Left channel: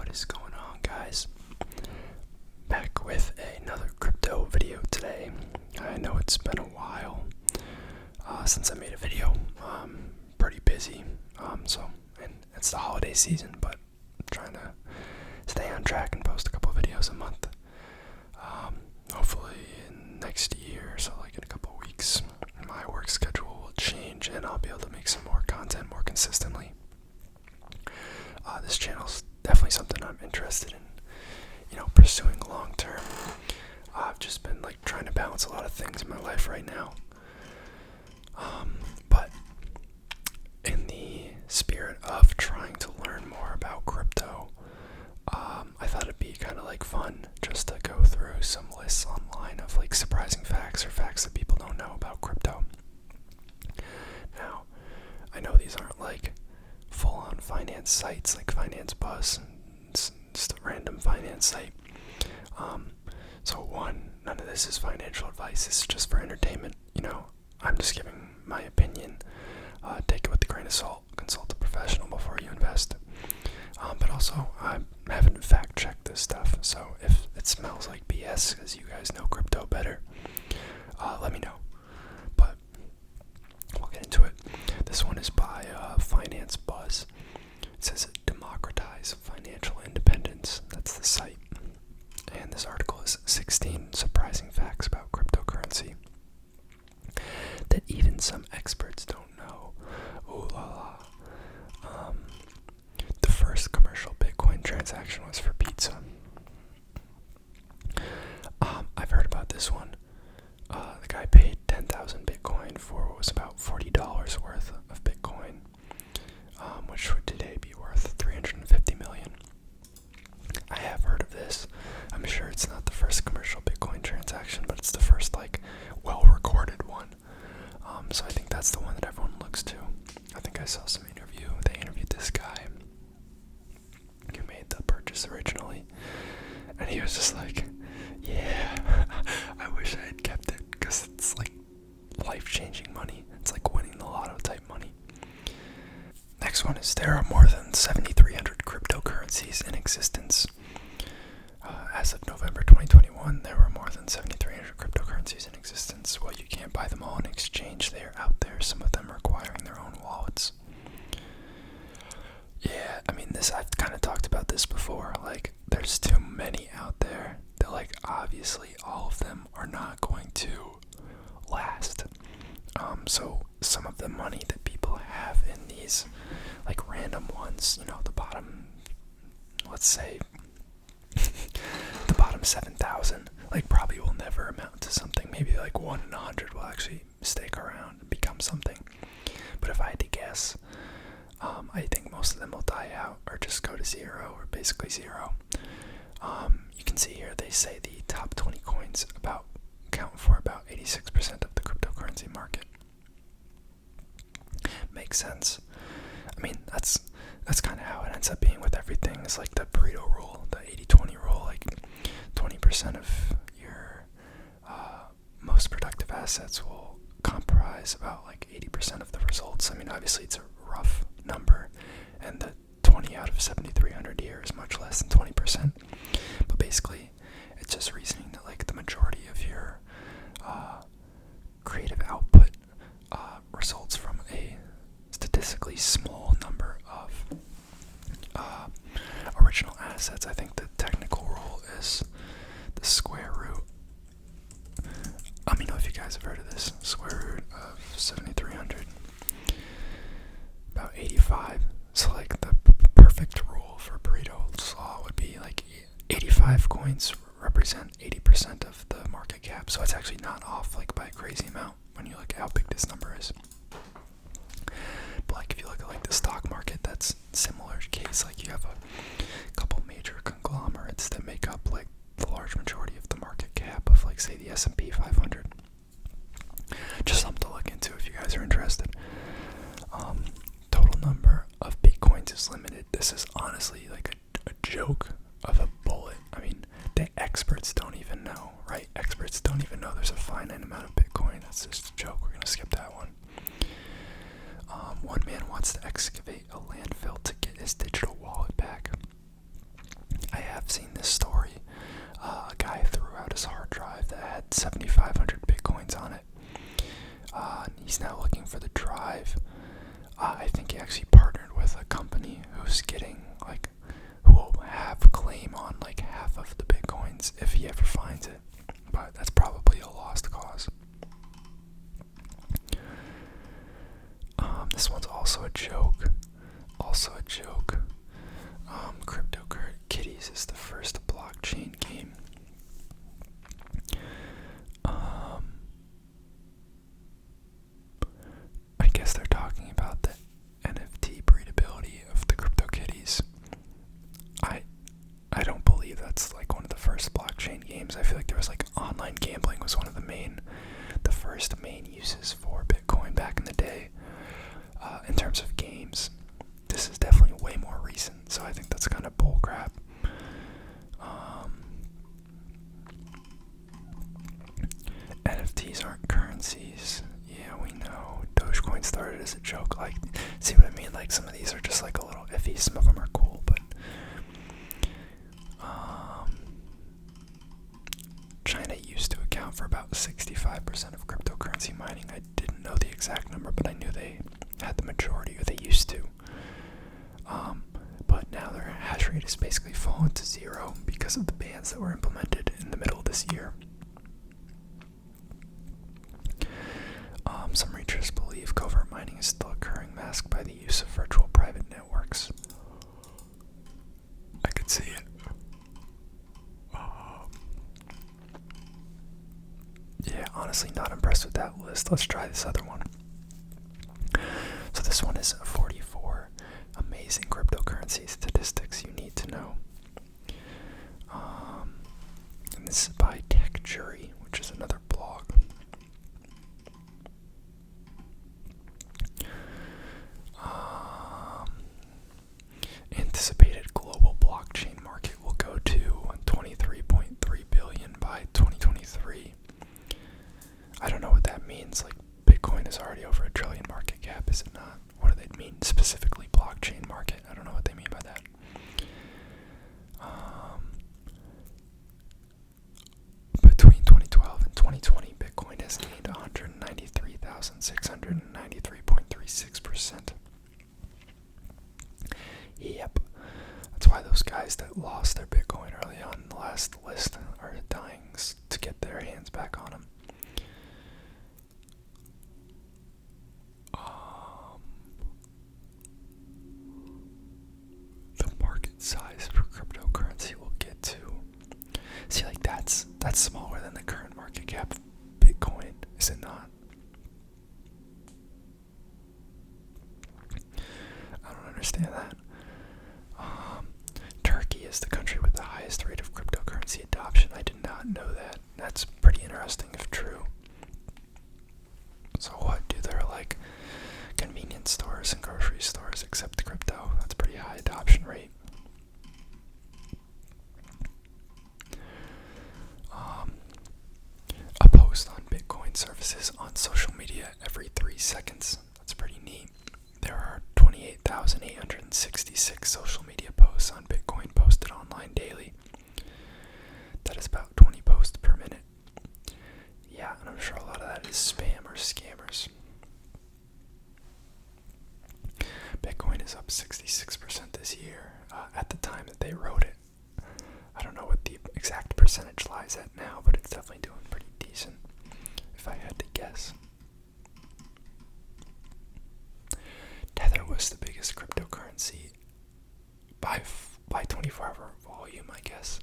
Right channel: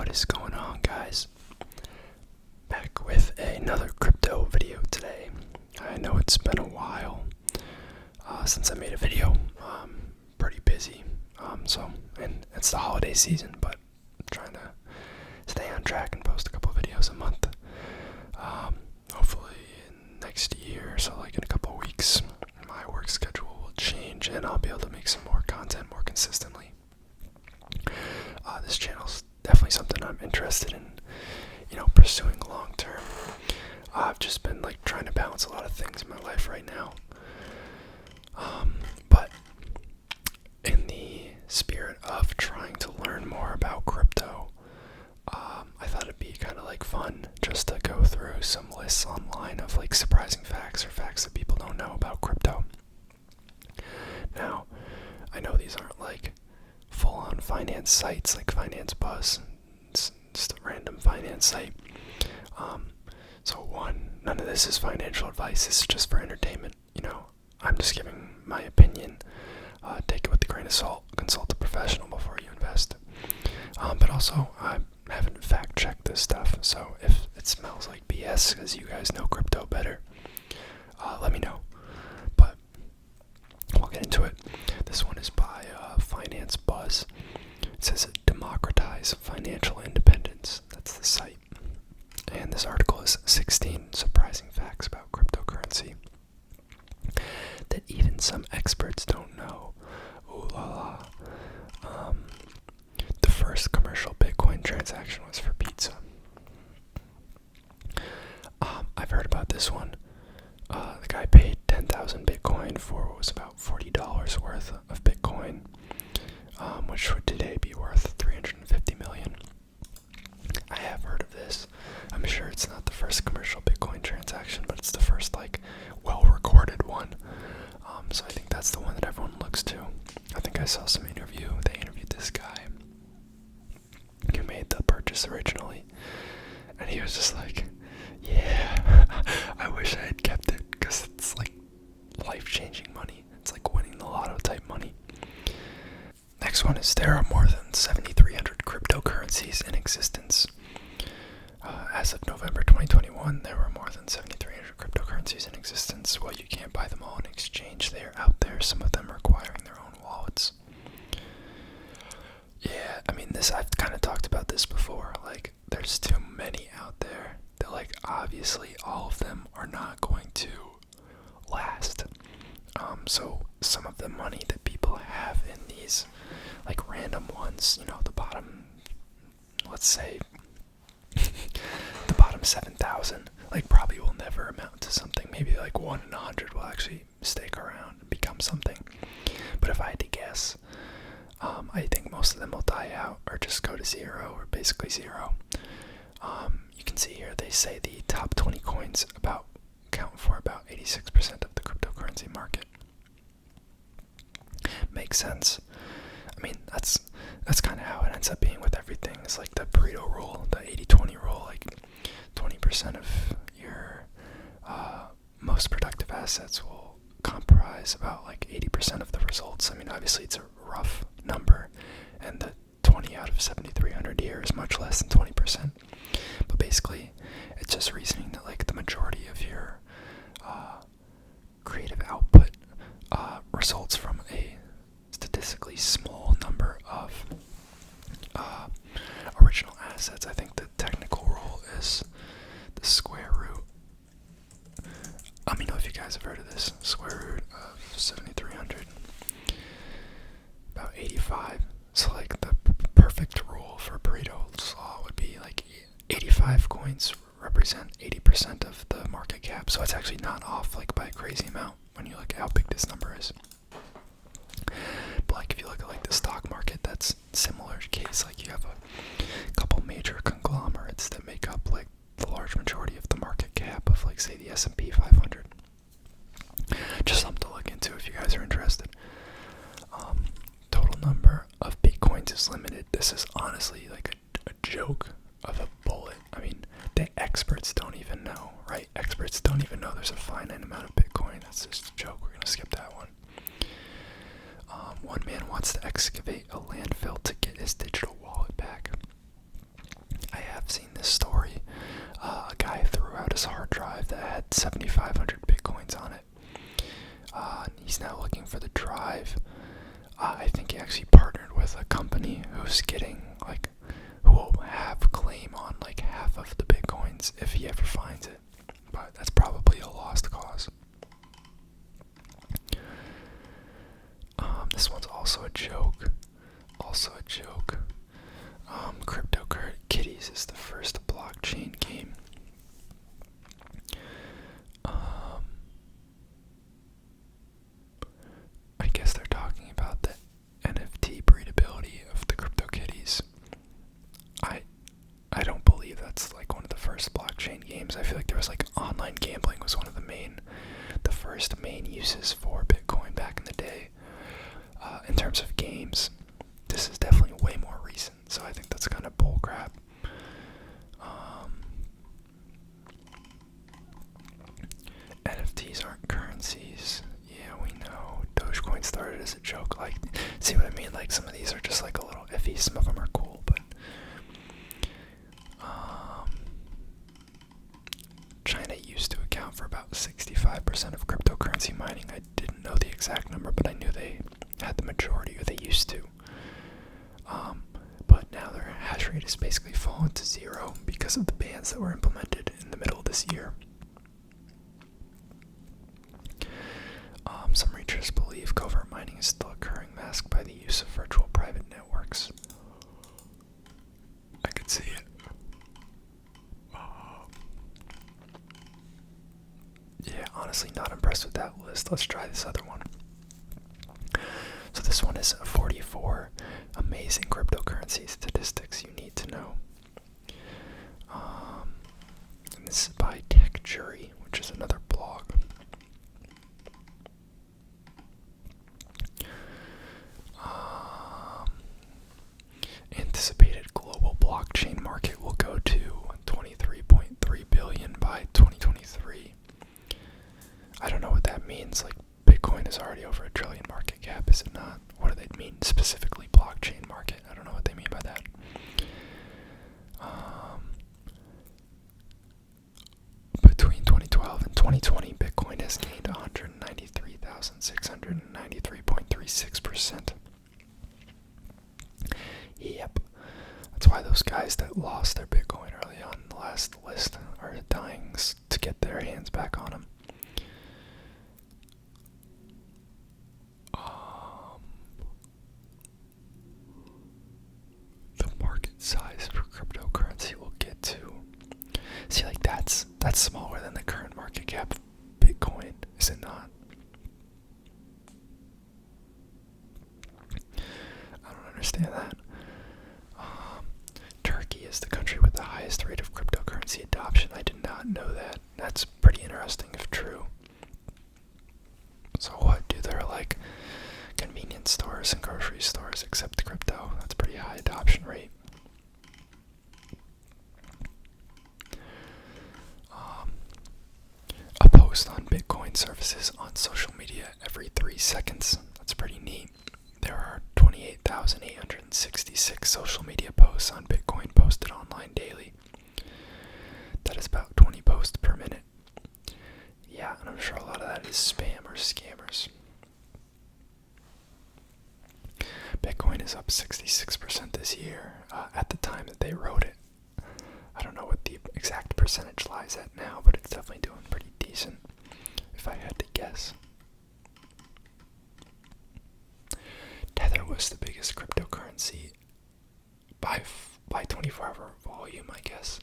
What is going on, guys? Back with another crypto video today. I know it's been a while since I made a video. Pretty busy, and it's the holiday season, but I'm trying to stay on track and post a couple videos a month. Hopefully next year, so like in a couple weeks, my work schedule will change and I'll be able to make some more content more consistently. This channel's definitely something I'm interested in, pursuing long term. I've just been trying to balance a lot of things in my life right now. But in the spirit of trying to learn more about crypto, I thought it'd be kind of fun just to go through some lists online of surprising facts or facts that people don't know about crypto. Now, I know these aren't full-on finance sites like Finance Buzz. It's just a random finance site. None of this is financial advice. It's just for entertainment. I'm just giving my opinion. Take it with a grain of salt. Consult a professional before you invest. But also, I haven't fact-checked this stuff, so if it smells like BS, because you guys know crypto better, let me know. But we'll get into it. This one is by Finance Buzz. It says democratize financial independence. That's the site. And this article is 16 surprising facts about cryptocurrency that even some experts don't know. Ooh la la. The first commercial Bitcoin transaction was for pizza. I've heard about this one. The guy paid 10,000 Bitcoin for what was about $40 worth of Bitcoin, which would today be worth $350 million. I have heard of this. I'm sure it's not the first commercial Bitcoin transaction, but it's the first well-recorded one. So I think that's the one that everyone looks to. I think I saw some interview. They interviewed this guy who made the purchase originally, and he was just yeah, I wish I had kept it, because it's life-changing money. It's like winning the lotto type money. Next one is there are more than 7,300 cryptocurrencies in existence. As of November 2021, there were more than 7,300 cryptocurrencies in existence. Well, you can't buy them all in exchange. They are out there, some of them requiring their own wallets. Yeah, I've kind of talked about this before. There's too many out there that, obviously all of them are not going to last. So some of the money that people have in these, random ones, the bottom, let's say, the bottom 7,000, probably will never amount to something. Maybe 1 in 100 will actually stick around and become something. But if I had to guess, I think most of them will die out or just go to zero, or basically zero. You can see here they say the top 20 coins account for about 86% of the cryptocurrency market. Makes sense. That's kind of how it ends up being with everything. It's the Pareto rule, the 80-20 rule. 20% of your most productive assets will comprise about 80% of the results. Obviously it's a rough number, and the 20 out of 7,300 here is much less than 20%. But basically, it's just reasoning that the majority of your creative output results from a statistically small number of original assets. I think the technical rule is the square root. Let me know if you guys have heard of this. Square root of 7,300, about 85. So the perfect rule for Pareto's law would be 85 coins represent 80% of the market cap. So it's actually not off by a crazy amount when you look at how big this number is. But if you look at the stock market, that's similar case. You have a couple major conglomerates that make up the large majority of the market cap of say the S&P 500. Just something to look into if you guys are interested. Total number of Bitcoins is limited. This is honestly a joke of a bullet. The experts don't even know, right? Experts don't even know there's a finite amount of Bitcoin. That's just a joke. We're going to skip that one. One man wants to excavate a landfill to get his digital wallet back. this story, a guy threw out his hard drive that had 7,500 bitcoins on it. And he's now looking for the drive. I think he actually partnered with a company who's getting, who will have claim on, half of the bitcoins if he ever finds it. But that's probably a lost cause. This one's also a joke. CryptoKitties is the first blockchain game. I guess they're talking about the NFT breedability of the CryptoKitties. I don't believe that's one of the first blockchain games. I feel like there was online gambling was one of the first main uses for Bitcoin back in the day. In terms of games, this is definitely way more recent, so I think that's kind of bullcrap. NFTs aren't currencies. Yeah, we know. Dogecoin started as a joke. See what I mean? Some of these are just a little iffy. Some of them are cool, but China used to account for about 65% of cryptocurrency mining. I didn't know the exact number, but I knew they had the majority, or they used to. But now their hash rate has basically fallen to zero because of the bans that were implemented in the middle of this year. Some researchers believe covert mining is still occurring, masked by the use of virtual private networks. I could see it. Yeah, honestly, not impressed with that list. Let's try this other one. So this one is 44 amazing cryptocurrency statistics you need to know. And this is by Tech Jury, which is another blog. Anticipated global blockchain market will go to 23.3 billion by 2023. I don't know what that means. Bitcoin is already over $1 trillion market cap, is it not? What do they mean specifically blockchain market? I don't know what they mean by that. Between 2012 and 2020, Bitcoin has gained 193,693.36%. Yep. That's why those guys that lost their Bitcoin early on in the last list are dying to get their hands back on them. The market size for cryptocurrency will get to... See, that's smaller than the current market cap of Bitcoin, is it not? I don't understand that. Turkey is the country with the highest rate of cryptocurrency adoption. I did not know that. That's pretty interesting if true. So what? Do there convenience stores and grocery stores accept crypto? That's a pretty high adoption rate. A post on Bitcoin surfaces on social media every 3 seconds. That's pretty neat. There are 28,866 social media posts on Bitcoin posted online daily. That is about 20 posts per minute. Yeah, and I'm sure a lot of that is spam or scammers. Bitcoin is up 66% this year at the time that they wrote it. I don't know what the exact percentage lies at now, but it's definitely doing pretty decent, if I had to guess. Tether was the biggest cryptocurrency by 24-hour volume, I guess.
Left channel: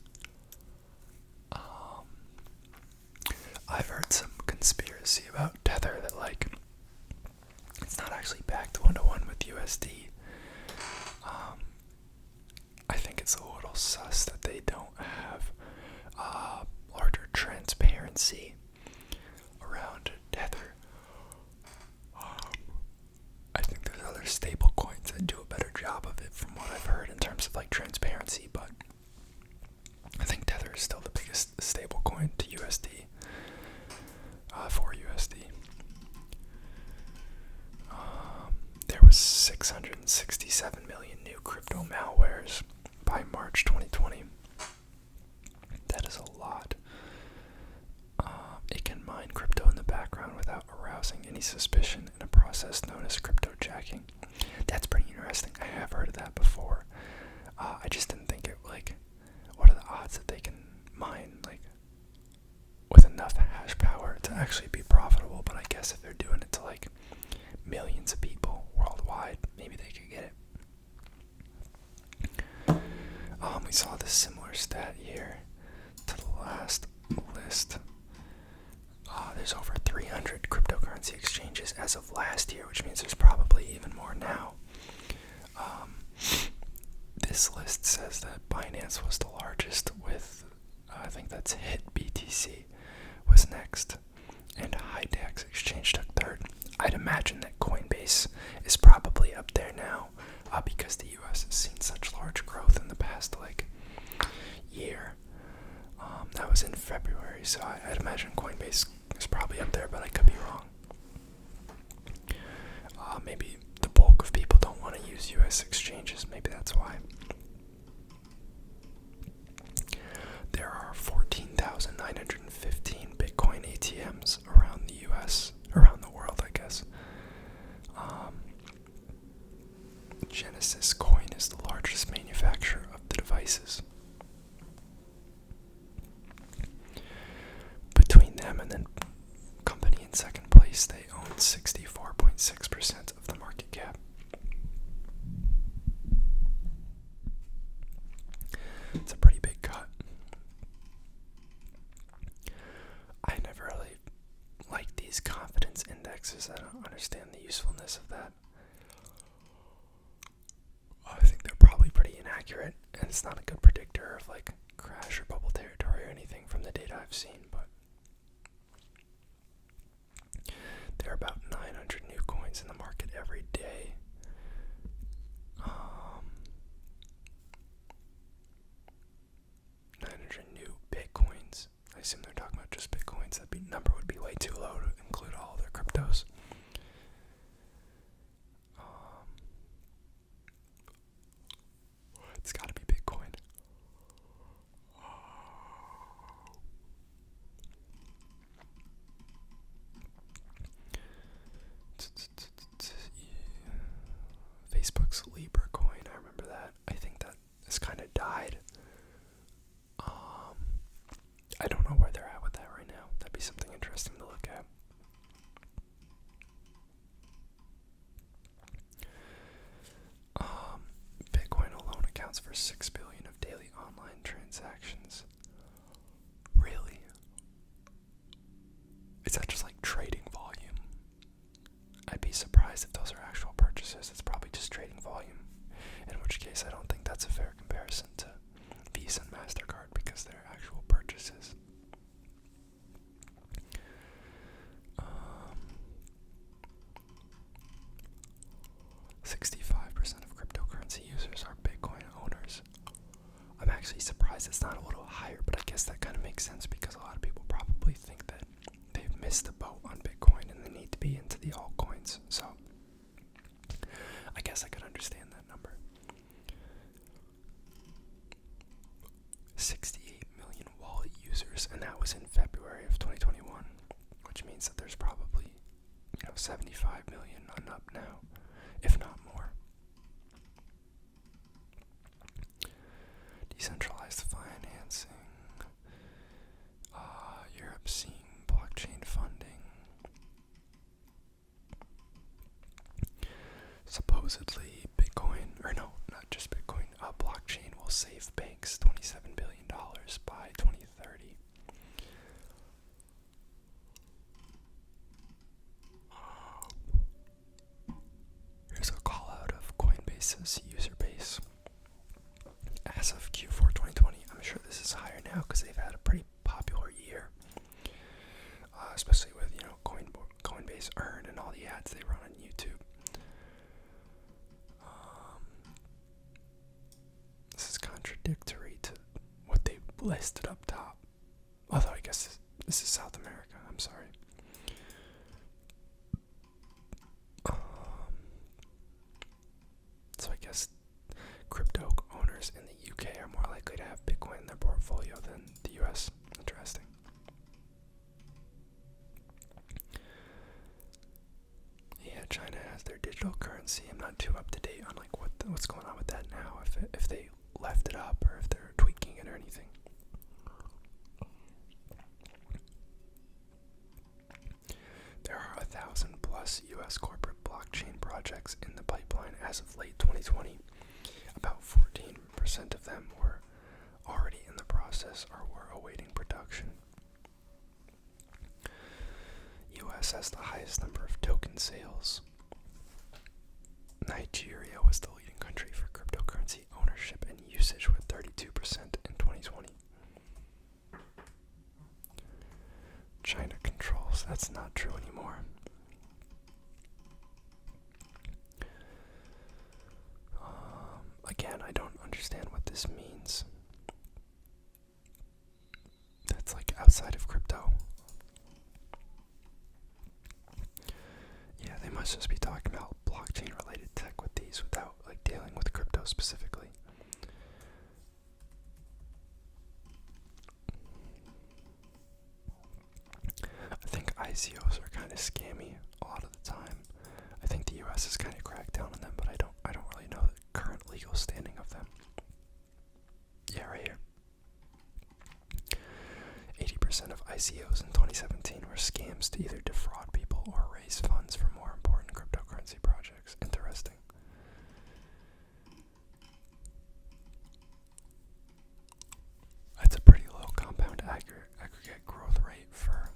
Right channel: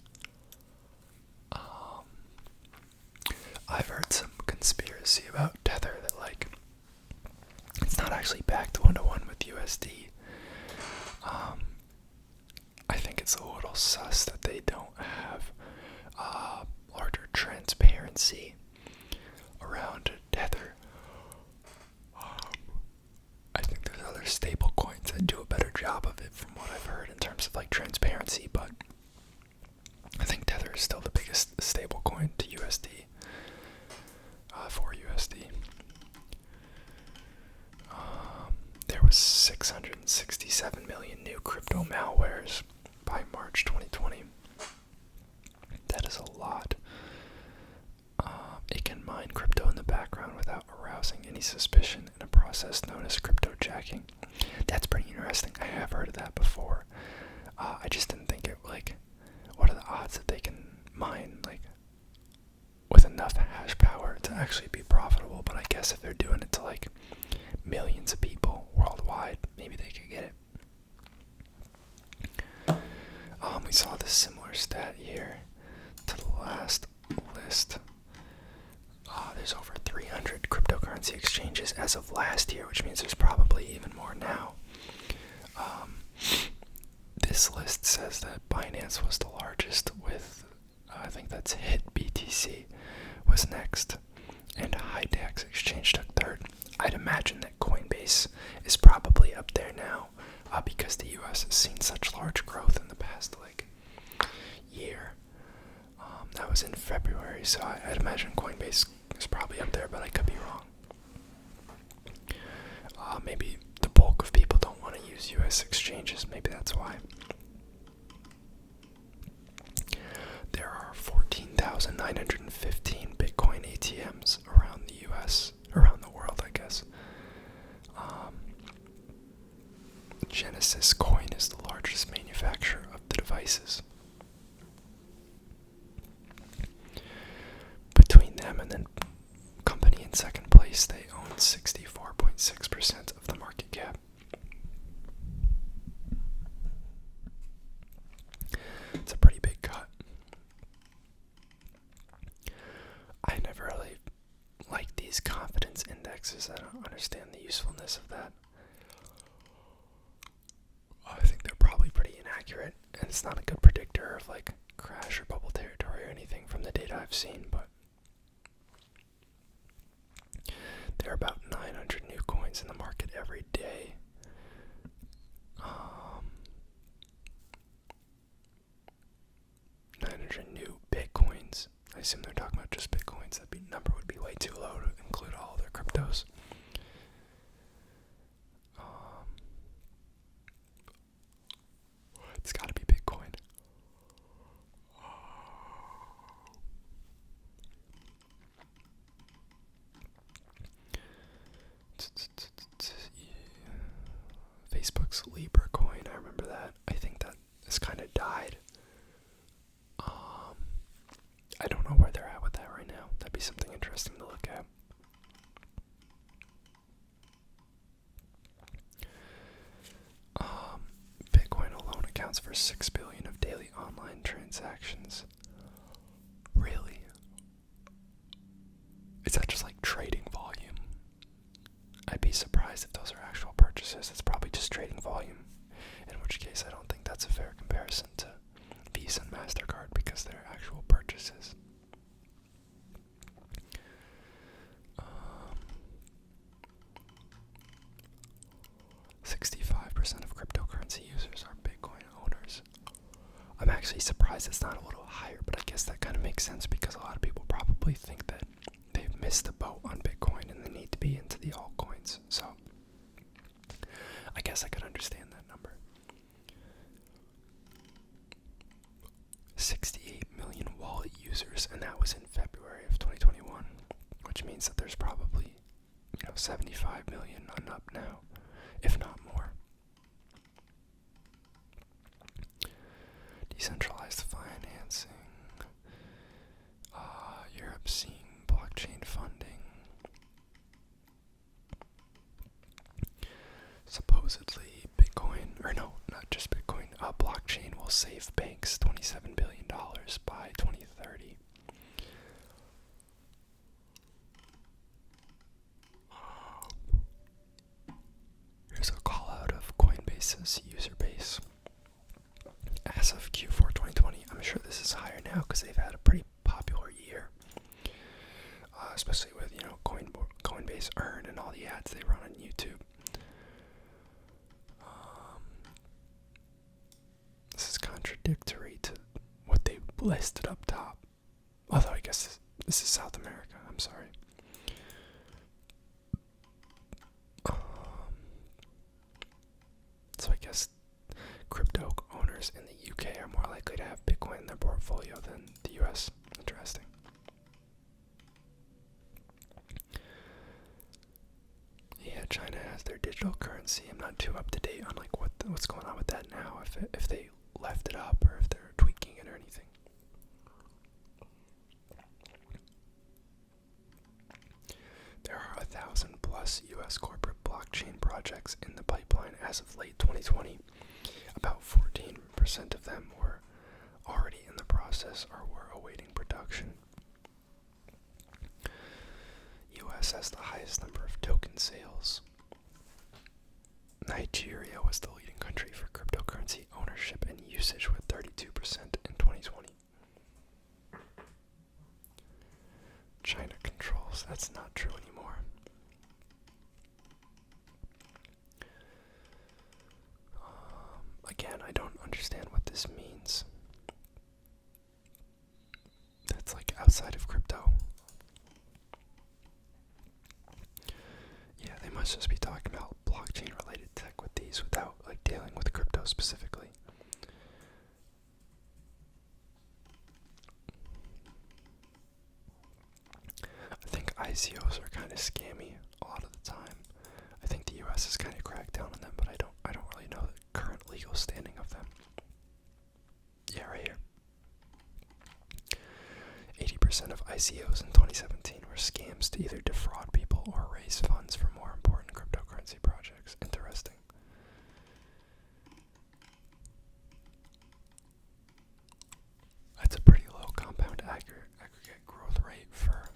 I've heard some conspiracy about Tether that it's not actually backed 1-to-1 with USD. I think it's a little sus that they don't have larger transparency around Tether. I think there's other stable coins that do a better job of it from what I've heard in terms of transparency, but I think Tether is still the biggest stable coin to USD, for USD. There was 667 million new crypto malwares by March 2020. That is a lot. It can mine crypto in the background without arousing any suspicion in a process known as cryptojacking. That's pretty interesting. I have heard of that before. I just didn't think it, like, what are the odds that they can mine, like, with enough hash power to actually be profitable? But I guess if they're doing it to, like, millions of people worldwide, maybe they could get it. We saw this similar stat here to the last list. There's over 300 cryptocurrency exchanges as of last year, which means there's probably even more now. This list says that Binance was the largest with, I think that's BTC was next, and Hidex Exchange took third. I'd imagine that Coinbase is probably up there now, because the US has seen such large growth in the past, like, year. That was in February, so I'd imagine Coinbase is probably up there, but I could be wrong. Maybe the bulk of people don't want to use US exchanges, maybe that's why. There are 14,915 Bitcoin ATMs around the US, around the world, I guess. Genesis Coin is the largest manufacturer of the devices. Between them and then company in second place, they own 64.6% of the market cap. It's a pretty big cut. I never really like these confidence indexes. I don't understand the usefulness of that. I think they're probably pretty inaccurate, and it's not a good predictor of, like, crash or bubble territory or anything from the data I've seen, but there are about 900 new coins in the market every day. 900 new Bitcoins. I assume they're talking about just Bitcoins. That number would be way too low to include all of their cryptos. It's got to be Bitcoin. Facebook's Libra coin, I remember that. I think that has kind of died. I don't know where they're at with that right now. That'd be something interesting to look at. Bitcoin alone accounts for 6 billion of daily online transactions. Really? Is that just like trading volume? I'd be surprised if those are actual purchases. It's probably just trading volume, in which case I don't think that's a fair comparison to Visa and MasterCard because they're actual purchases. 65% of cryptocurrency users are Bitcoin owners. I'm actually surprised it's not a little higher, but I guess that kind of makes sense because a lot of people probably think that they've missed the boat on Bitcoin and they need to be into the altcoins. So I guess I could understand that number. 68 million wallet users, and that was in February of 2021, which means that there's probably, 75 million and up now, if not more. Decentralized financing. Europe seeing blockchain funding. Supposedly Bitcoin, or no, not just Bitcoin, blockchain will save banks $27 billion by 2030. Here's a call out of Coinbase's user base. As of Q4 2020, I'm sure this is higher now because they've had a pretty popular year. Especially with, Coinbase Earn and all the ads they run on YouTube. This is contradictory to what they listed up top. Although I guess this is South America, I'm sorry. So I guess crypto owners owners in the UK are more likely to have Bitcoin in their portfolio than the US. Interesting. Yeah, China has their digital currency. I'm not too up to date on like what's going on with that now. If they left it up or if they're tweaking it or anything. There are 1,000+ U.S. corporate blockchain projects in the pipeline as of late 2020. About 14% of them were already in the process or were awaiting production. U.S. has the highest number of token sales. Nigeria was the leading country for cryptocurrency ownership and usage with 32% in 2020. China controls. That's not true anymore. Again, I don't understand what this means. That's like outside of crypto. Yeah, they must just be talking about blockchain related tech with these without like dealing with crypto specifically. I think ICOs are kind of scammy a lot of the time. I think the US has kind of cracked down on them, but I don't really know the current legal standing of them. Yeah, right here. 80% of ICOs in 2017 were scams to either defraud people or raise funds for more important cryptocurrency projects. Interesting. That's a pretty low compound aggregate growth rate for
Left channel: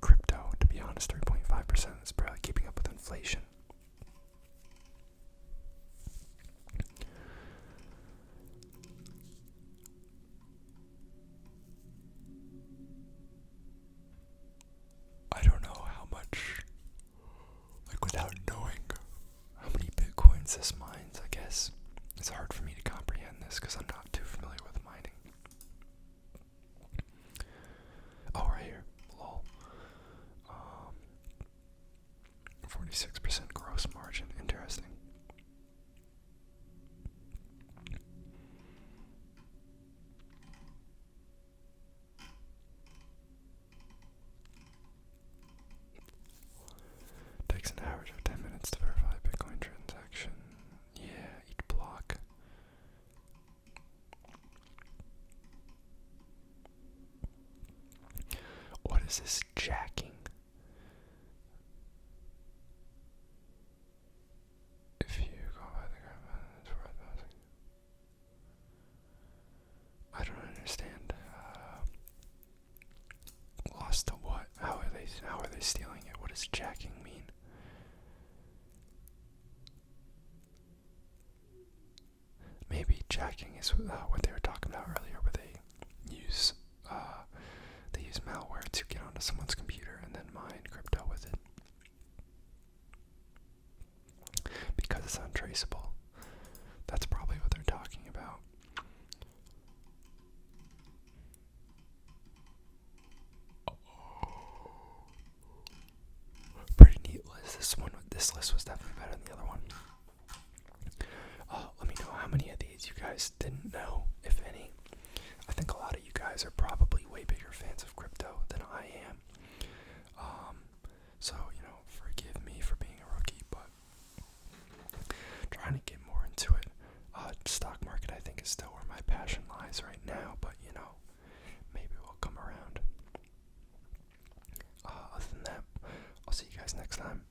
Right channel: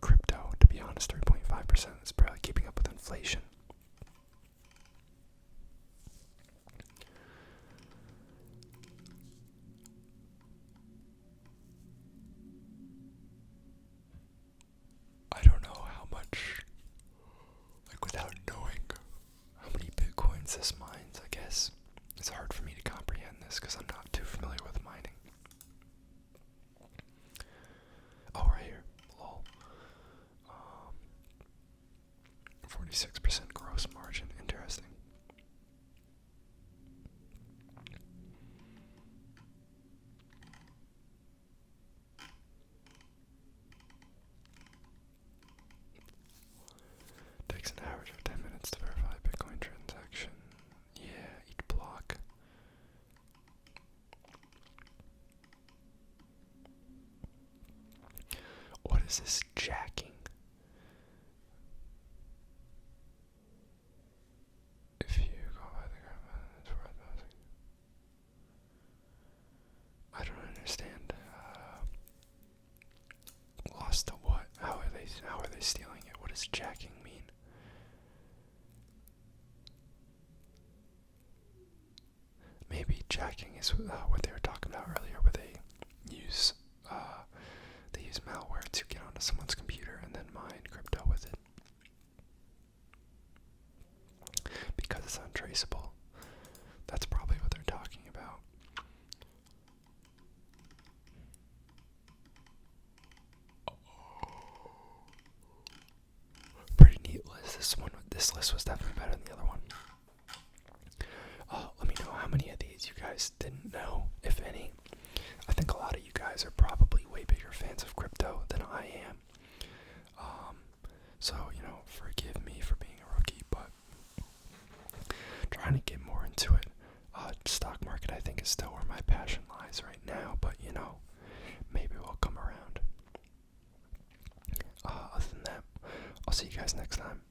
crypto, to be honest. 3.5% is barely keeping up with inflation. I don't know how much, like without knowing how many Bitcoins this mines, I guess. It's hard for me to comprehend this because I'm not too familiar with mining. Oh, right here. Lol. 46% gross margin. Interesting. Takes an average of 10 minutes to verify a Bitcoin transaction. Yeah, each block. What is this jacking? If you go by the graph, it's worth pausing. I don't understand. Lost to what? How are they stealing it? What does jacking mean? Maybe jacking is what they were talking about earlier, where they use malware to get onto someone's computer and then mine crypto with it. Because it's untraceable. That's probably what they're talking about. Pretty neat list. This list was definitely better than the other one. Let me know how many of these you guys didn't know, if any. I think a lot of you guys are probably way bigger fans of crypto than I am. So, forgive me for being a rookie, but trying to get more into it. Stock market, I think, is still where my passion lies right now, but, maybe we'll come around. Other than that, I'll see you guys next time.